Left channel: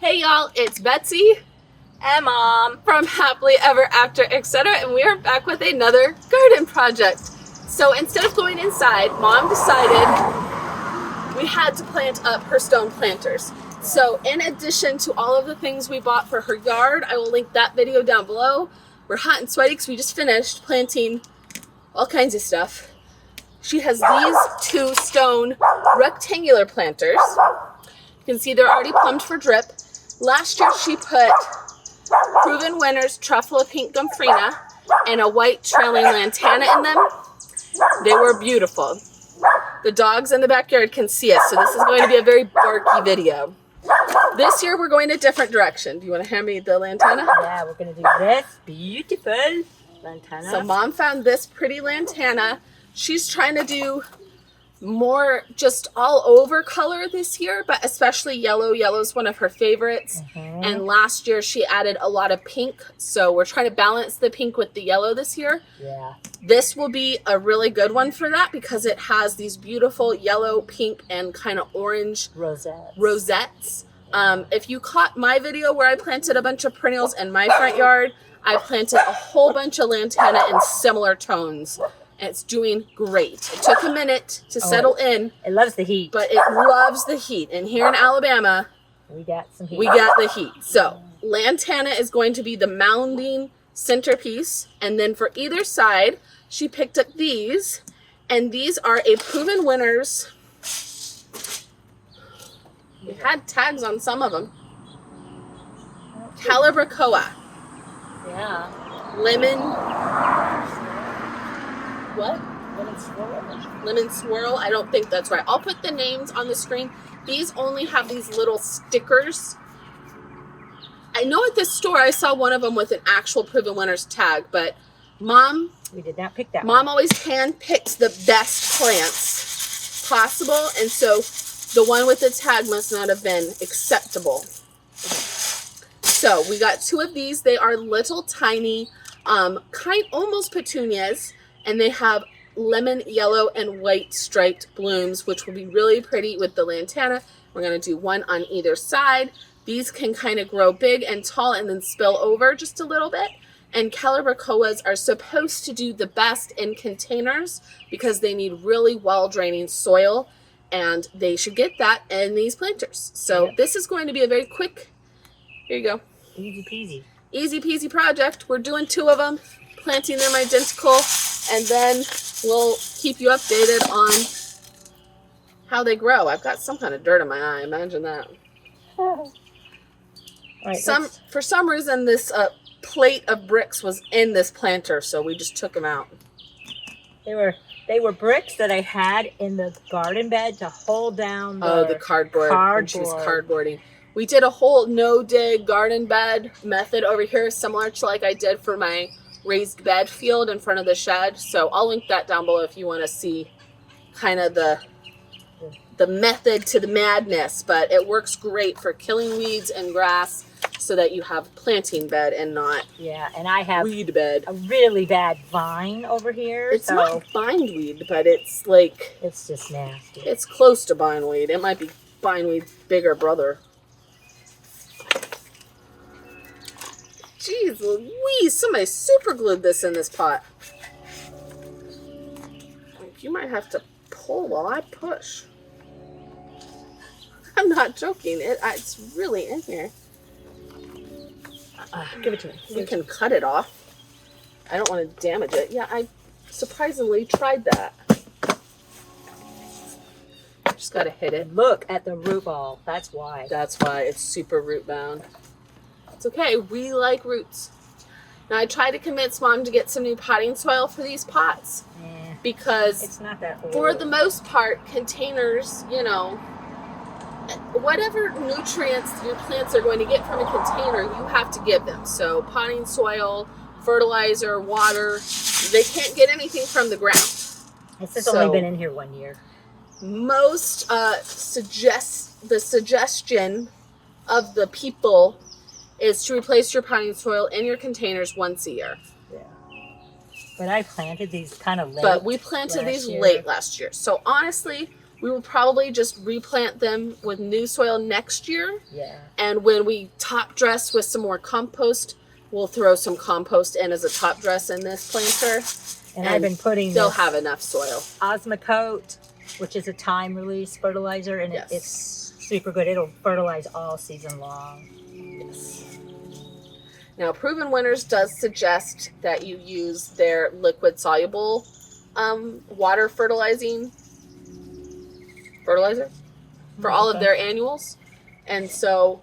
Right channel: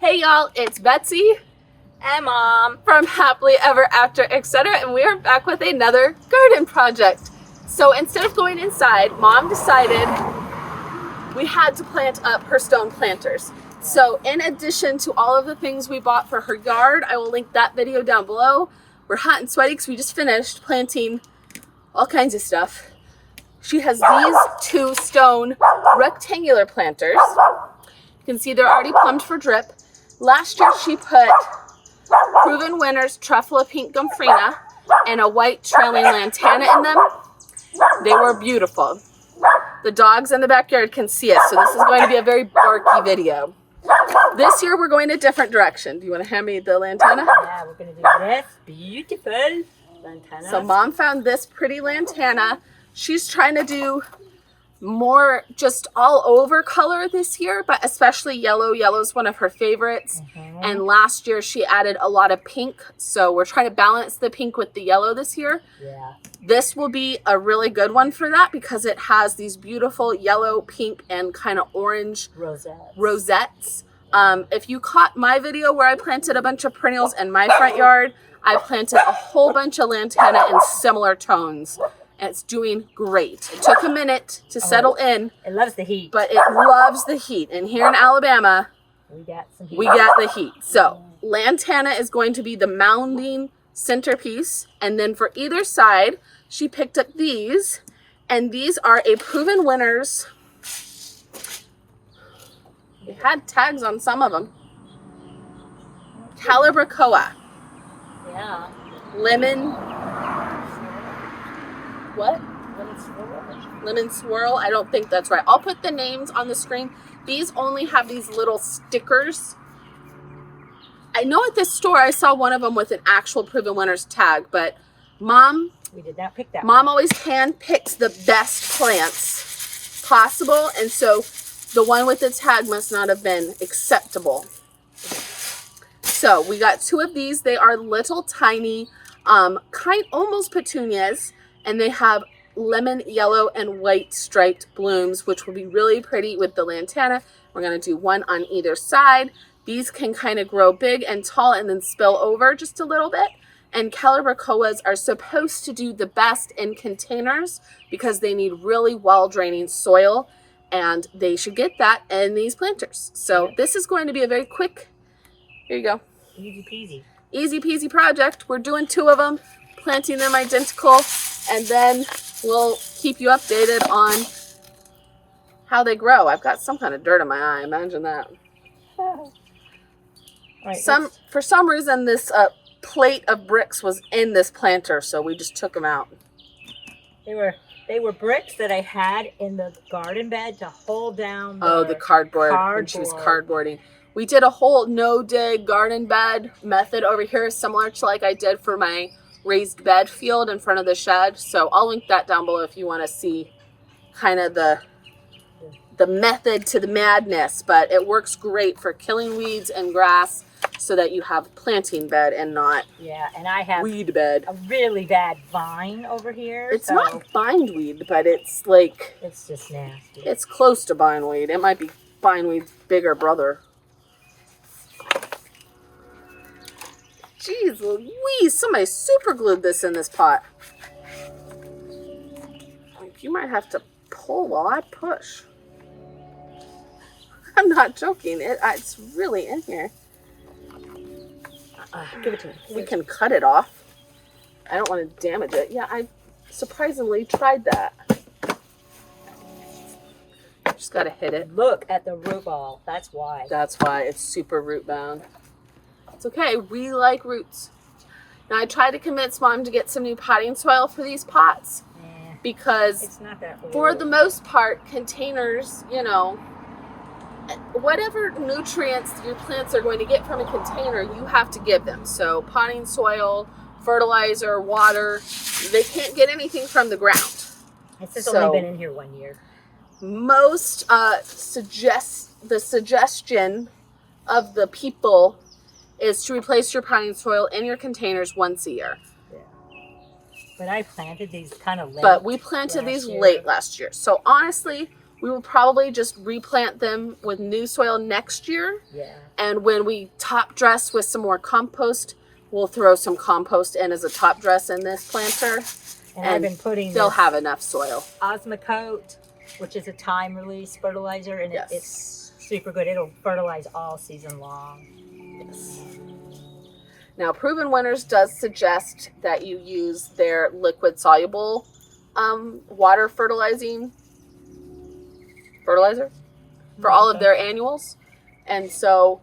Hey y'all, it's Betsy and Mom from Happily Ever After, etc. And we are back with another garden project. So instead of going inside, Mom decided we had to plant up her stone planters. So in addition to all of the things we bought for her yard, I will link that video down below. We're hot and sweaty because we just finished planting all kinds of stuff. She has these two stone rectangular planters. You can see they're already plumbed for drip. Last year she put Proven Winners Truffle Pink Gomphrena and a white trailing lantana in them. They were beautiful. The dogs in the backyard can see us, so this is going to be a very barky video. This year we're going a different direction. Do you want to hand me the lantana? Yeah, we're going to do this beautiful lantana. So Mom found this pretty lantana. She's trying to do more just all over color this year, but especially yellow. Yellow is one of her favorites. And last year she added a lot of pink, so we're trying to balance the pink with the yellow this year. Yeah. This will be a really good one for that because it has these beautiful yellow, pink, and kind of orange rosettes. If you caught my video where I planted a bunch of perennials in my front yard, I planted a whole bunch of lantana in similar tones. And it's doing great. It took a minute to settle in. It loves the heat. But it loves the heat. And here in Alabama, we got some heat. We got the heat. So lantana is going to be the mounding centerpiece. And then for either side, she picked up these. And these are a Proven Winners. It had tags on some of them. Calibrachoa. Yeah. Lemon. What? Lemon swirl? Lemon swirl. I don't think that's right. I'll put the names on the screen. These only have these little stickers. I know at this store I saw one of them with an actual Proven Winners tag, but Mom... We did not pick that Mom one. always hand-picks the best plants possible, and so the one with the tag must not have been acceptable. So we got two of these. They are little tiny, almost petunias. And they have lemon, yellow, and white striped blooms, which will be really pretty with the lantana. We're going to do one on either side. These can kind of grow big and tall and then spill over just a little bit. And Calibrachoas are supposed to do the best in containers because they need really well-draining soil. And they should get that in these planters. So This is going to be a very quick, here you go. Easy peasy. Easy peasy project. We're doing two of them, planting them identical. And then we'll keep you updated on how they grow. I've got some kind of dirt in my eye. Imagine that. Right, For some reason, this plate of bricks was in this planter, so we just took them out. They were bricks that I had in the garden bed to hold down the cardboard when she was cardboarding. We did a whole no-dig garden bed method over here, similar to like I did for my raised bed field in front of the shed. So I'll link that down below if you want to see kind of the method to the madness. But it works great for killing weeds and grass so that you have planting bed and not and I have weed bed. A really bad vine over here. It's not bindweed, but it's like it's just nasty. It's close to bindweed. It might be bindweed's bigger brother. Jeez Louise, somebody super glued this in this pot. You might have to pull while I push. I'm not joking. It's really in here. Give it to me. We can cut it off. I don't want to damage it. Yeah, I surprisingly tried that. Just got to hit it. Look at the root ball. That's why. That's why it's super root bound. It's okay, we like roots. Now I tried to convince Mom to get some new potting soil for these pots because it's not that old. For the most part, containers, you know, whatever nutrients your plants are going to get from a container, you have to give them. So potting soil, fertilizer, water, they can't get anything from the ground. It's just only been in here 1 year. Most suggestion of the people is to replace your potting soil in your containers once a year. Yeah. But I planted these kind of late. But we planted these late last year. So honestly, We will probably just replant them with new soil next year. Yeah. And when we top dress with some more compost, we'll throw some compost in as a top dress in this planter. And I've been putting they'll have enough soil. Osmocote, which is a time release fertilizer, and Yes. it's super good. It'll fertilize all season long. Yes. Now, Proven Winners does suggest that you use their liquid soluble water fertilizer for all of their annuals. And so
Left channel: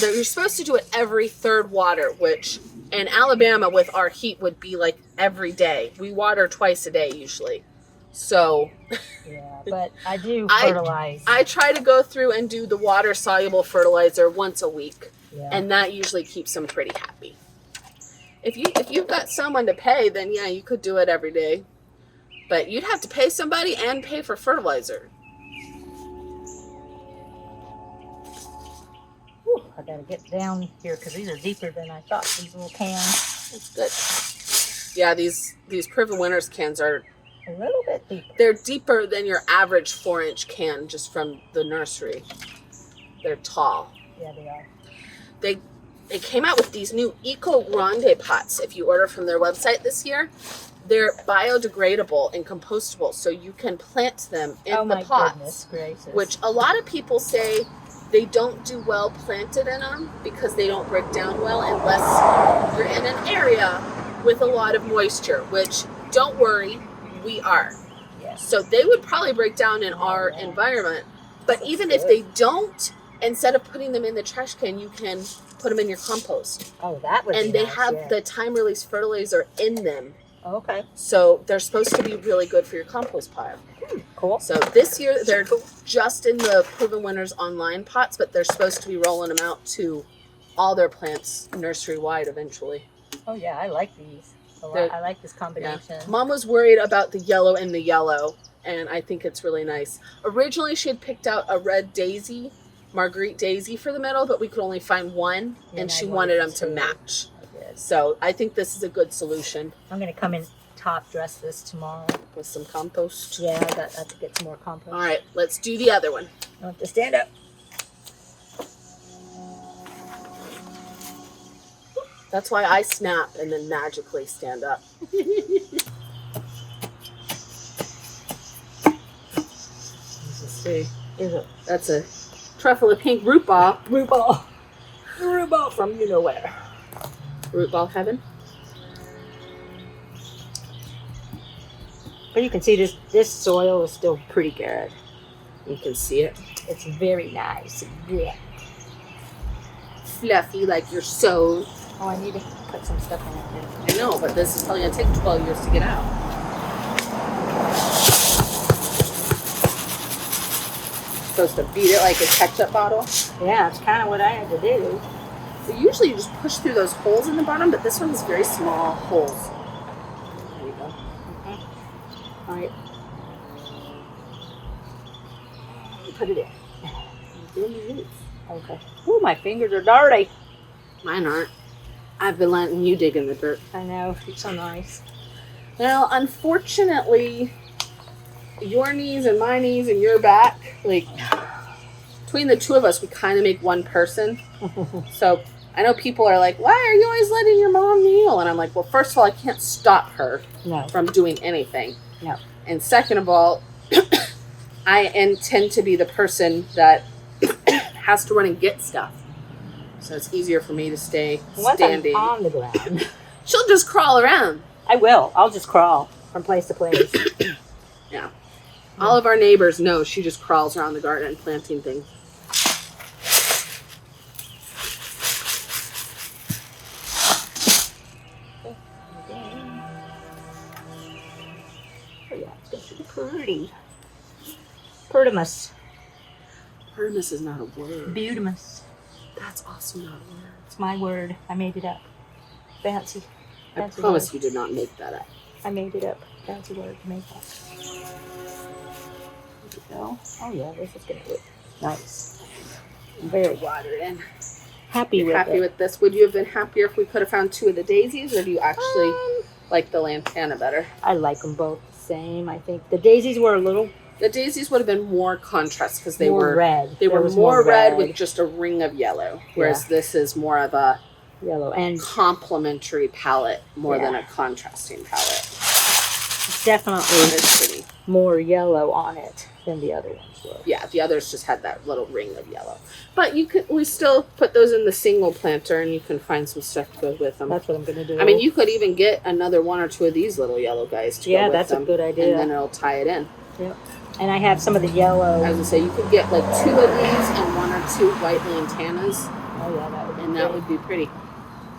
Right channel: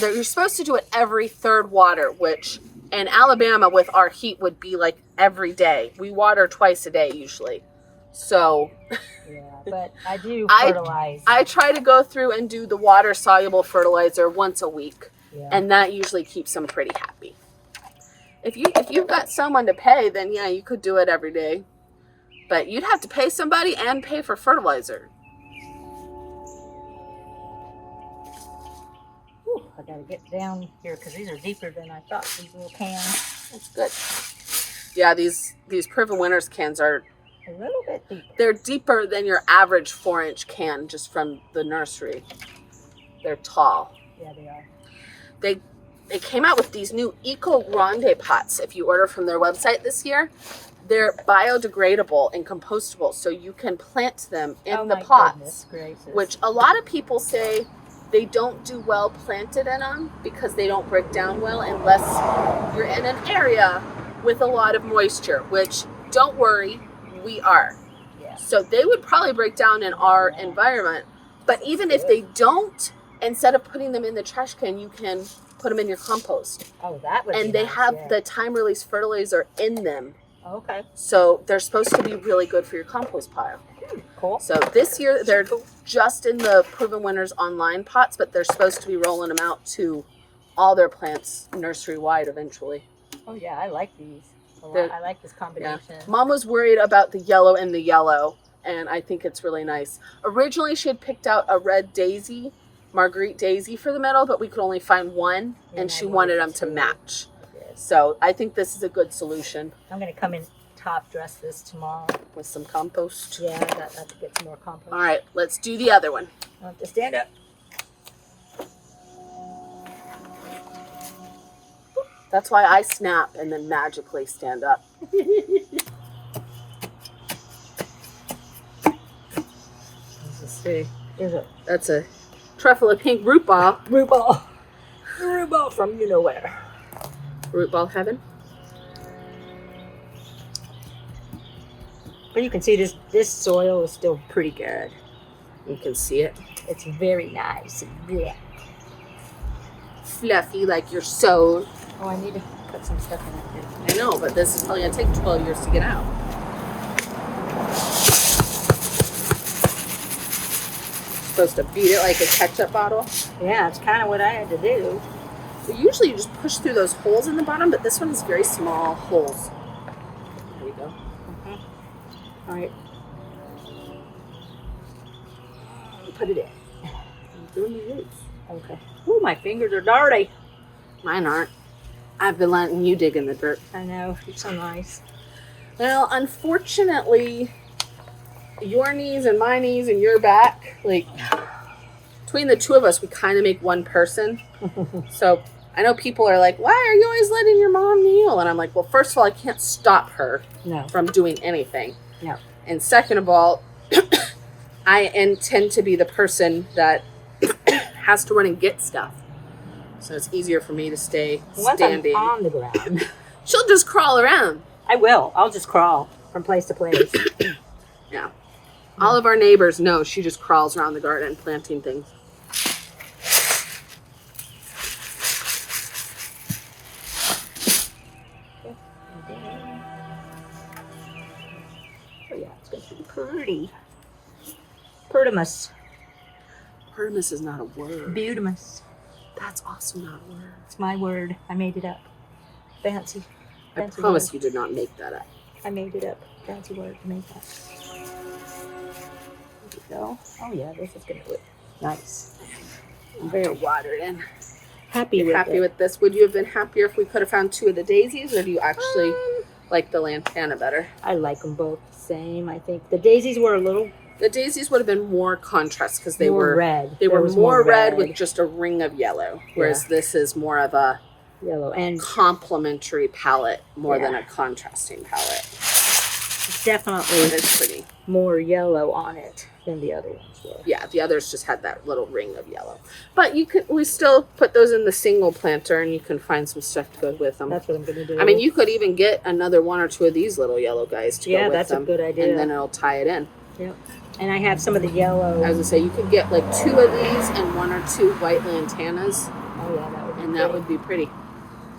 you're supposed to do it every third water, which in Alabama with our heat would be like every day. We water twice a day usually. So yeah, but I do fertilize. I try to go through and do the water soluble fertilizer once a week. Yeah. And that usually keeps them pretty happy. If you've got someone to pay, then yeah, you could do it every day. But you'd have to pay somebody and pay for fertilizer. Whew, I gotta get down here because these are deeper than I thought. These little cans. That's good. Yeah, these Proven Winners cans are A little bit deeper. They're deeper than your average 4-inch can just from the nursery. They're tall. Yeah, they are. They came out with these new Eco Grande pots if you order from their website this year. They're biodegradable and compostable, so you can plant them in the pots, which a lot of people say they don't do well planted in them because they don't break down well unless you're in an area with a lot of moisture, which don't worry, we are. Yeah. So they would probably break down in our environment. But even if they don't, instead of putting them in the trash can, you can put them in your compost. Oh, that would be And they nice, have the time release fertilizer in them. Okay. So they're supposed to be really good for your compost pile. Cool. So this year they're just in the Proven Winners online pots, but they're supposed to be rolling them out to all their plants nursery wide eventually. Oh yeah, I like these. I like this combination. Yeah. Mom was worried about the yellow and the yellow, and I think it's really nice. Originally she had picked out a red daisy, Marguerite daisy for the middle, but we could only find one, and she wanted them to match. So I think this is a good solution. I'm going to come and top dress this tomorrow. With some compost. Yeah, I got to get some more compost. All right, let's do the other one. I'll have to stand up. That's why I snap and then magically stand up. Let's see. That's a truffle of pink root ball. Root ball. Root ball from you know where. Root ball heaven. But you can see this soil is still pretty good. You can see it. It's very nice. Yeah. Fluffy like you're sewed. Oh, I need to put some stuff in it. I know, but this is probably going to take 12 years to get out. Supposed to beat it like a ketchup bottle. Yeah, it's kind of what I had to do. So usually you just push through those holes in the bottom, but this one has very small holes. There you go. All right. Put it in. I'm doing the roots. Okay. Ooh, my fingers are dirty. Mine aren't. I've been letting you dig in the dirt. I know. It's so nice. Well, unfortunately, your knees and my knees and your back, like, between the two of us, we kind of make one person. So I know people are like, why are you always letting your mom kneel? And I'm like, well, first of all, I can't stop her from doing anything. No. And second of all, I intend to be the person that has to run and get stuff. So it's easier for me to stay standing. Once I'm on the ground. She'll just crawl around. I will. I'll just crawl from place to place. Yeah. All of our neighbors know she just crawls around the garden planting things. Oh yeah, it's going to be pretty. Pertimus. Pertimus is not a word. Beautimus. That's also not a word. It's my word. I made it up. Fancy. I promise you did not make that up. I made it up. Fancy word to make that. There we go. Oh yeah, this is going to look nice. I'm very watered in. Happy with this. Would you have been happier if we could have found 2 of the daisies, or do you actually like the lantana better? I like them both the same. I think the daisies were a little The daisies would have been more contrast because they more were red. They There were was more red with just a ring of yellow, whereas this is more of a yellow and complementary palette more than Yeah. a contrasting palette. it's definitely It's pretty. more yellow on it than the other ones were. Yeah, the others just had that little ring of yellow. But we still put those in the single planter, and you can find some stuff to go with them. That's what I'm going to do. I mean, you could even get another one or two of these little yellow guys to go with that's them. a good idea. And then it'll tie it in. Yep. And I have some of the yellow. I was gonna say you could get like 2 of these and 1 or 2 white lantanas. Oh yeah, that would be And that would be pretty.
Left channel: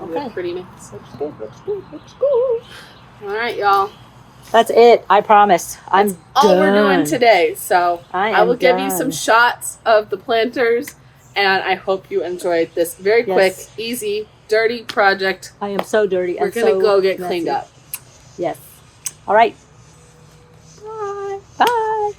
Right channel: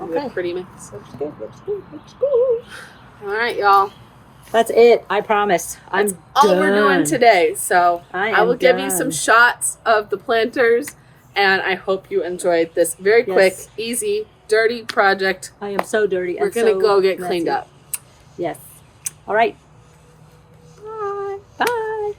Okay. Pretty mix. Looks good, looks good, looks good. All right, y'all. That's it. I promise. That's all we're doing today. So I will give you some done. shots of the planters, and I hope you enjoyed this very quick, easy, dirty project. I am so dirty. We're going to go get cleaned up. Yes. All right. Bye. Bye.